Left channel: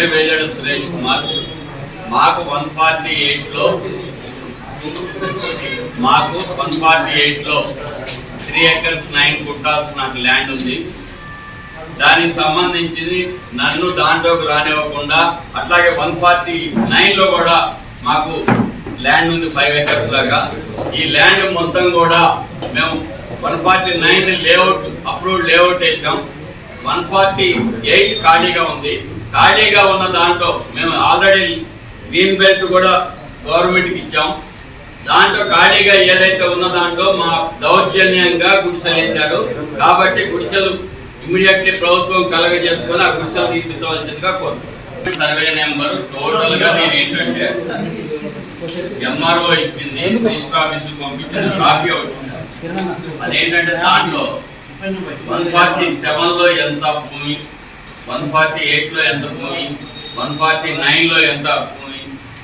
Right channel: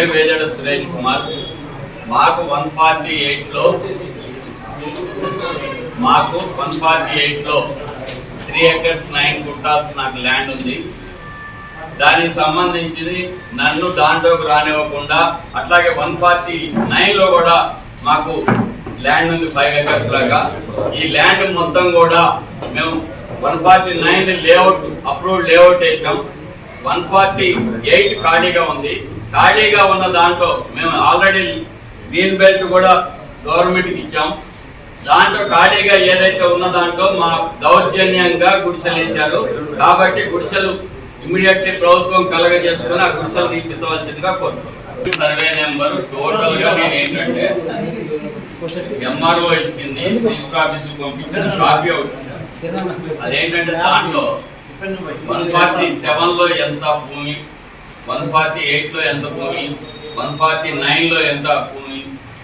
పేరు వేజాడు సురేష్ కుమార్. మాకు one forty ఎయిట్లో మాకు వన్ ఫార్టీ ఎయిట్లో త్రీ ఎకర్స్ నైన్ గుట్టాస్ నాకు ల్యాండ్ ఉంది. దానికి సంబంధించి నన్ను దాంట్లోకి రానివ్వకుండా అట్లాగే వన్ ఫార్టీ నైన్లో కూడా మాకు ల్యాండ్ ఉంది ఫైవ్ ఎకర్స్ లాగా. ఈ ల్యాండ్ మొత్తం కూడా మేము one forty nine layout approved layout వేసాం. వన్ ఫార్టీ ఎయిట్ ఖాళీగా ఉంది. ఖాళీగా ఉన్న దాంట్లో మేము ఆల్రెడీ గ్రీన్ బెల్ట్ కూడా గవర్నమెంట్కి ఇచ్చాం. దాంట్లో ఖాళీగా ఏదైతే ఉన్న దాంట్లో మా దౌర్జన్యంగా గుడిసెలు వేశారు. కాబట్టి గుడిసెలు ఇమీడియట్లీ ప్రభుత్వం కలగజేసుకొని ఆ గుడిసెలు తీర్పించవలసిందిగా కోరుతున్నాం సర్వే నెంబర్ టోటల్గా నేను ఏంటంటే ఎంఆర్ఓ ఇచ్చింది రిజిస్టర్ ఆఫీస్ పంపించిన కాపీ అవుతుంది. అదేంటంటే దాంట్లో వన్ ఫార్టీ సెవెన్లో ఎంత భూమి? వన్ ఫార్టీ ఎయిట్లో ఎంత భూమి? వన్ ఫార్టీ నైన్లో ఎంత భూమి?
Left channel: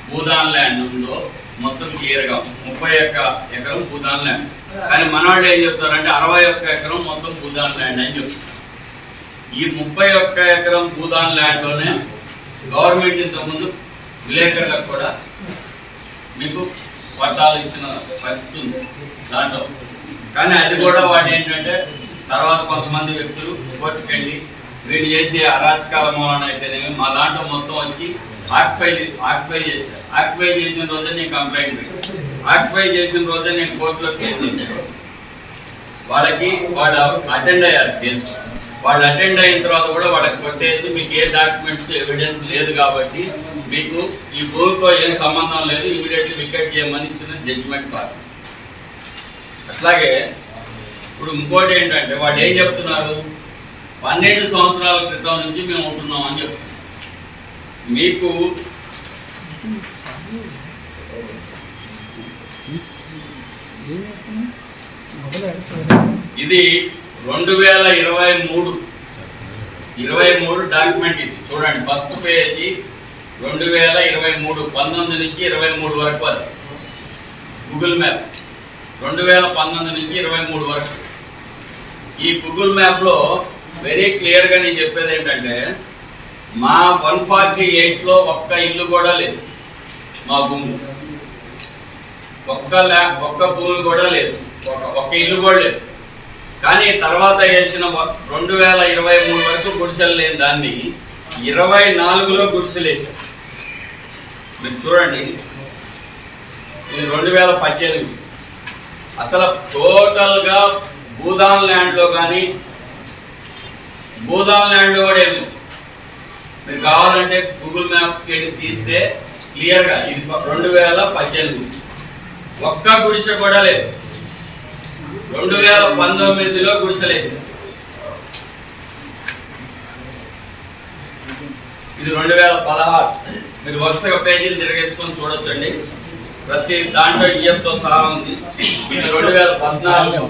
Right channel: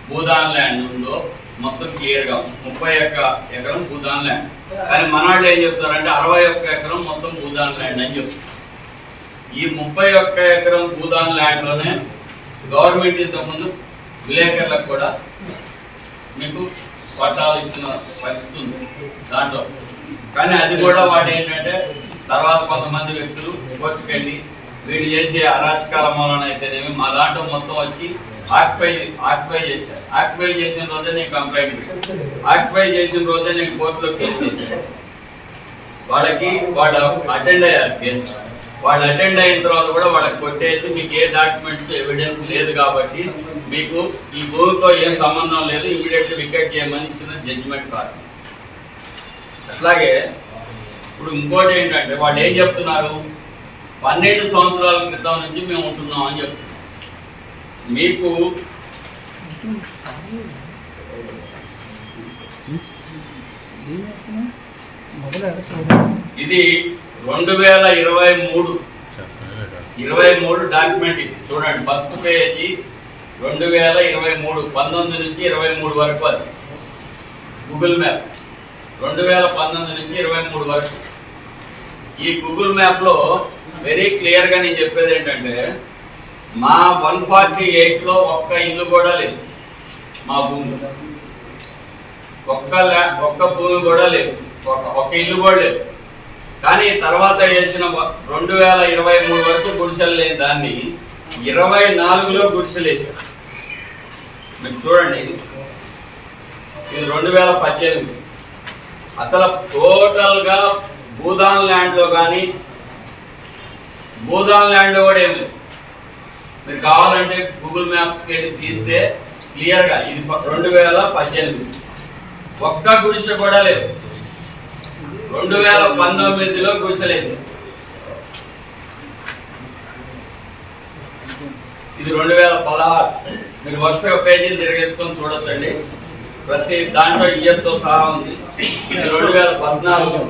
భూదాన్ ల్యాండ్ ఉందో మొత్తం క్లియర్గా ముప్పై ఒక్క ఎకరం భూదాన్ ల్యాండ్. కానీ మనవాళ్ళు ఏం చెప్తారంటే అరవై ఒక్క ఎకరం మొత్తం భూదాన్ ల్యాండ్ అని చెప్తారు ఈ ముప్పై ఒక్క ఎకరం భూదాన్ ల్యాండ్లోనే గవర్నమెంట్ ఇంతకుముందు విలేకరులకు కూడా మీకు పట్టాలు ఇచ్చిన పరిస్థితి ఉంది దాంట్లో. కానీ అది కూడా వాడు ఏంటంటే తర్వాత కొంతమంది వ్యక్తులు కోర్టుకు వెళ్ళి వీడు చేసే అరాచకాల మూలన అయితేనేమి మా దాంట్లో మొత్తం వచ్చి ఆక్యుపై ఆక్యుపై చేశారు. ఆక్యుపై చేసిన రోజే నేను కంప్లైంట్ పెట్టాను. ఆక్యుపై చేసిన రోజే నేను కోర్టులో కేసు ఇచ్చాను. వాళ్ళకి వాళ్ళు అటెండ్ అయ్యారు కేసు. వాళ్ళు అటెండ్ అయిన తర్వాత కూడా వాళ్ళకి కొట్టేసి మీకు ఏ డాక్యుమెంట్స్ ఎవిడెన్స్ లేదు కాబట్టి మీకు ఈ భూమితో ఏం సంబంధం లేదు ఇమీడియట్లీ వికెట్ చేయమని ఇచ్చిన జడ్జిమెంట్ కాదు. అట్లాగే ఇప్పుడు ఇంకోటి ఏంటంటే వాళ్ళు ఏం చెప్తున్నారు? పన్నెండు సంవత్సరాల క్రితం నుంచి మేము ఉంటున్నాం అని చెప్తున్నాం మీకు ఇది రెండు వేల ఇరవై మూడు. ఇరవై మూడు డాక్యుమెంట్ ఇది. చూడండి ఫస్ట్ పేజీ రెండు వేల ఇరవై మూడు. పంతొమ్మిది నుంచి ఇరవై మూడు వరకు అది. గూగుల్ మ్యాప్ రెండు వేల పంతొమ్మిది నుంచి ఇరవై మూడు వరకు. ఈ గూగుల్ మ్యాప్లో వెరీ క్లియర్గా నేను చెప్పేది ఏంటంటే మా వన్ ఫార్టీ ఎయిట్లో ఒక్క ఇల్లు కూడా లేదు. మా భూమిలో ఒక్క ల్యా ఒక్క భూమి కూడా లేదు. ఒక ఒక్క ఇల్లు కూడా లేదు. కానీ తర్వాత వేసిన రెండు వేల ఇరవై మూడు వరకు గుడిసెలు లేని దాన్ని ఇరవై నాలుగులో గుడిసెలు వేసారు మీరు చూడండి. ఇది రెండు వేల పద్దెనిమిది. అసలు టోటల్గా భూదాన్ ల్యాండ్లో కానీ భూదాన్ ల్యాండ్లో కూడా ఏమి మీరు కావాలంటే గూగుల్ మ్యాప్స్కి వెళ్ళి తీస్తే క్లియర్గా ఇది రెండు వేల పద్దెనిమిది. ఒక్క గుడిసె కూడా లేదు. రెండు వేల పంతొమ్మిదిలో గుడిసెలేసారు ఇది రెండు వేల పదహారు. మీరు వరుసగా పేజీలు తిరగేసుకొని చూడొచ్చండి. ప్రతి దాంట్లో ఇయర్తో సహా ఉంది. ఇది రెండు వేల పద్నాలుగు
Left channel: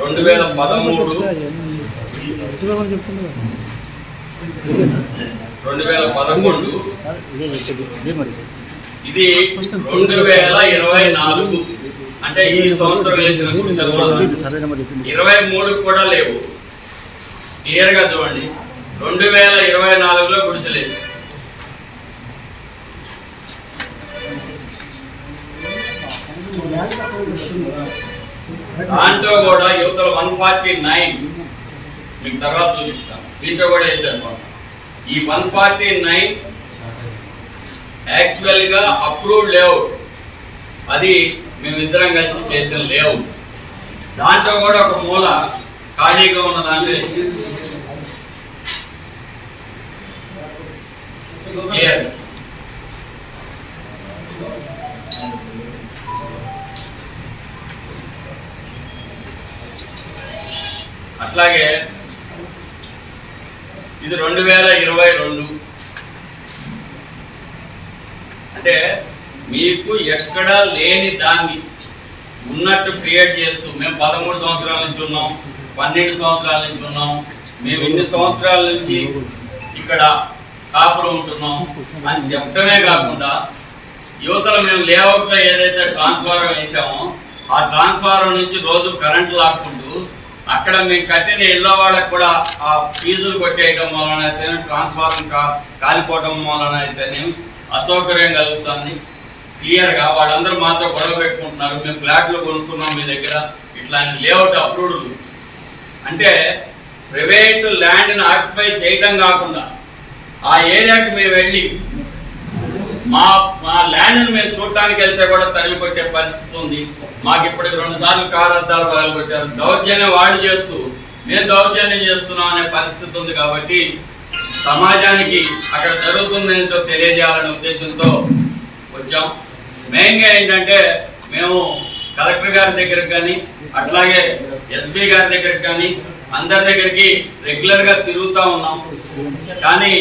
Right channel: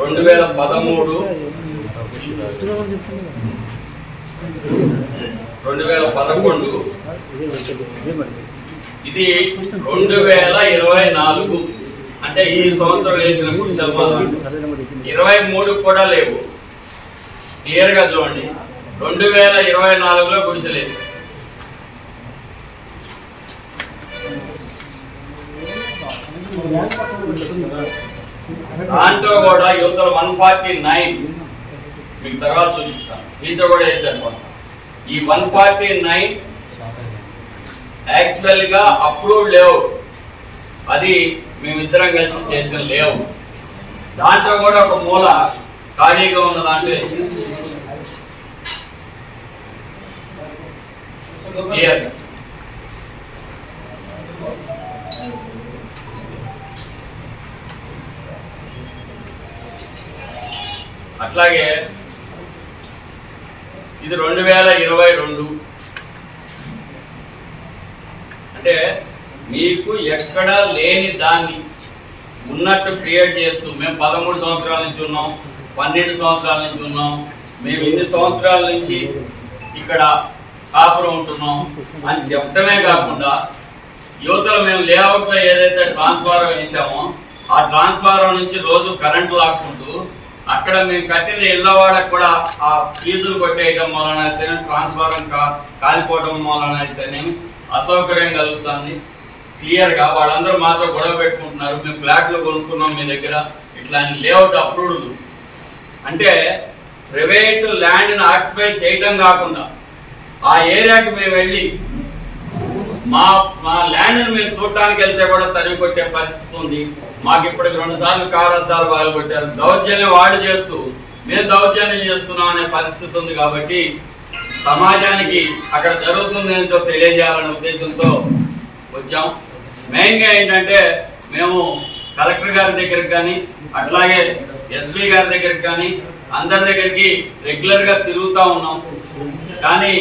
రెండు వేల పదమూడు రెండు వేల పదకొండు ఇది రెండు వేల ఇరవై నాలుగు అంటే ఈ సంవత్సరం వేసిన గుడిసెలు ఇరవై మూడు కూడా లేవు. క్లియర్గా చూడండి. రెండు వేల ఇరవై నాలుగులో గుడిసెలు దాంట్లో కూడా యువతలు వన్ ఫార్టీ నైన్ మీకు తర్వాత చూపిస్తాను. దీంట్లో కూడా వేశారు ఈ వన్ ఫార్టీ నైన్ యాక్చువల్గా అప్రూవ్డ్ లేఅవుట్ అది మేమిద్దరం కలిసి చేసిన లేఅవుట్ దాంట్లో కూడా ఒక మూల ఖాళీగా ఉన్న దాంట్లో వేసారు. క్లియర్ అట్లాగే ఇది రెండు వేల ఇరవై రెండు. అంటే మీకు ఎక్కడ లేని దాన్ని ఉన్నట్టు క్రియేట్ చేస్తూ మేము పదమూడు సంవత్సరాల నుంచి ఉన్నాం పన్నెండు సంవత్సరాల నుంచి ఉన్నాం మేము ఇన్ని సంవత్సరాల నుంచి ఇక్కడ కాపురం ఉంటున్నాం అని చెప్పడమే కాకుండా యువతలు మేము లేఅవుట్లో ఏదైతే ట్రాన్స్ఫారం వేసామో ఆ ట్రాన్స్ఫారం నుంచి రోజు కరెంట్ లాక్కుంటూ అక్కడ మేము కట్టిన ఇళ్ళ వాళ్ళకి కూడా ఆ ఫీజులు కొట్టేయటం వలన అయితేనే ట్రాన్స్ఫారం కా కాలిపోవటం వలన అయితేనేమి అసౌకర్యం కలుగుతుంది. క్లియర్గా వాళ్ళందరూ మాతో గొడవ పెట్టుకుంటున్నారు. మేము ఫ్లాట్లు కొనుక్కున్నాం మీ దగ్గర. ఇట్లా లేఅవుట్ అప్రూవ్డ్ అంటే ప్రైవేట్ ల్యాండ్ని ఆక్యుపై చేయటం కాకుండా ఆ ఏరియాకి మేము వెళ్ళి మా మా ల్యాండ్ని మేము చూడటానికి వెళ్తే కూడా తరిమి కొట్టే పరిస్థితి ఉంది. మాకు ఇప్పటికి రెండు సార్లు కారార్థాలు పగలగొట్టారు. దౌర్జన్యం వాళ్ళు చేస్తూ మేము దౌర్జన్యం చేస్తున్నాం అనే పరిస్థితి ఉంది కాబట్టి సమాజానికి అక్కడ జరుగుతుందేంటో తెలియజేయాలనే ఉద్దేశంతో వచ్చాం. మెయిన్గా ఏంటంటే మేము కలెక్టర్ గారి దగ్గరికి కానీ అట్లాగే ఎస్పీ గారి దగ్గరికి కానీ అందరి దగ్గరికి రెగ్యులర్గా తిరుగుతూ ఉన్నాం. కానీ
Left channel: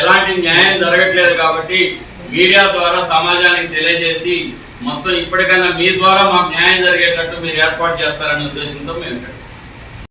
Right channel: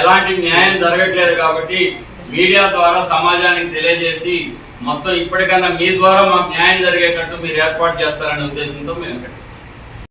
ఎలాంటి న్యాయం జరగట్లేదు కాబట్టి మీడియా ద్వారా సమాజానికి తెలియజేసి మొత్తం ఇప్పటికైనా మీ ద్వారా మాకు న్యాయం జరిగేటట్టు మీరు ఏర్పాటు చేస్తారనే ఉద్దేశంతో మేము ఇక్కడ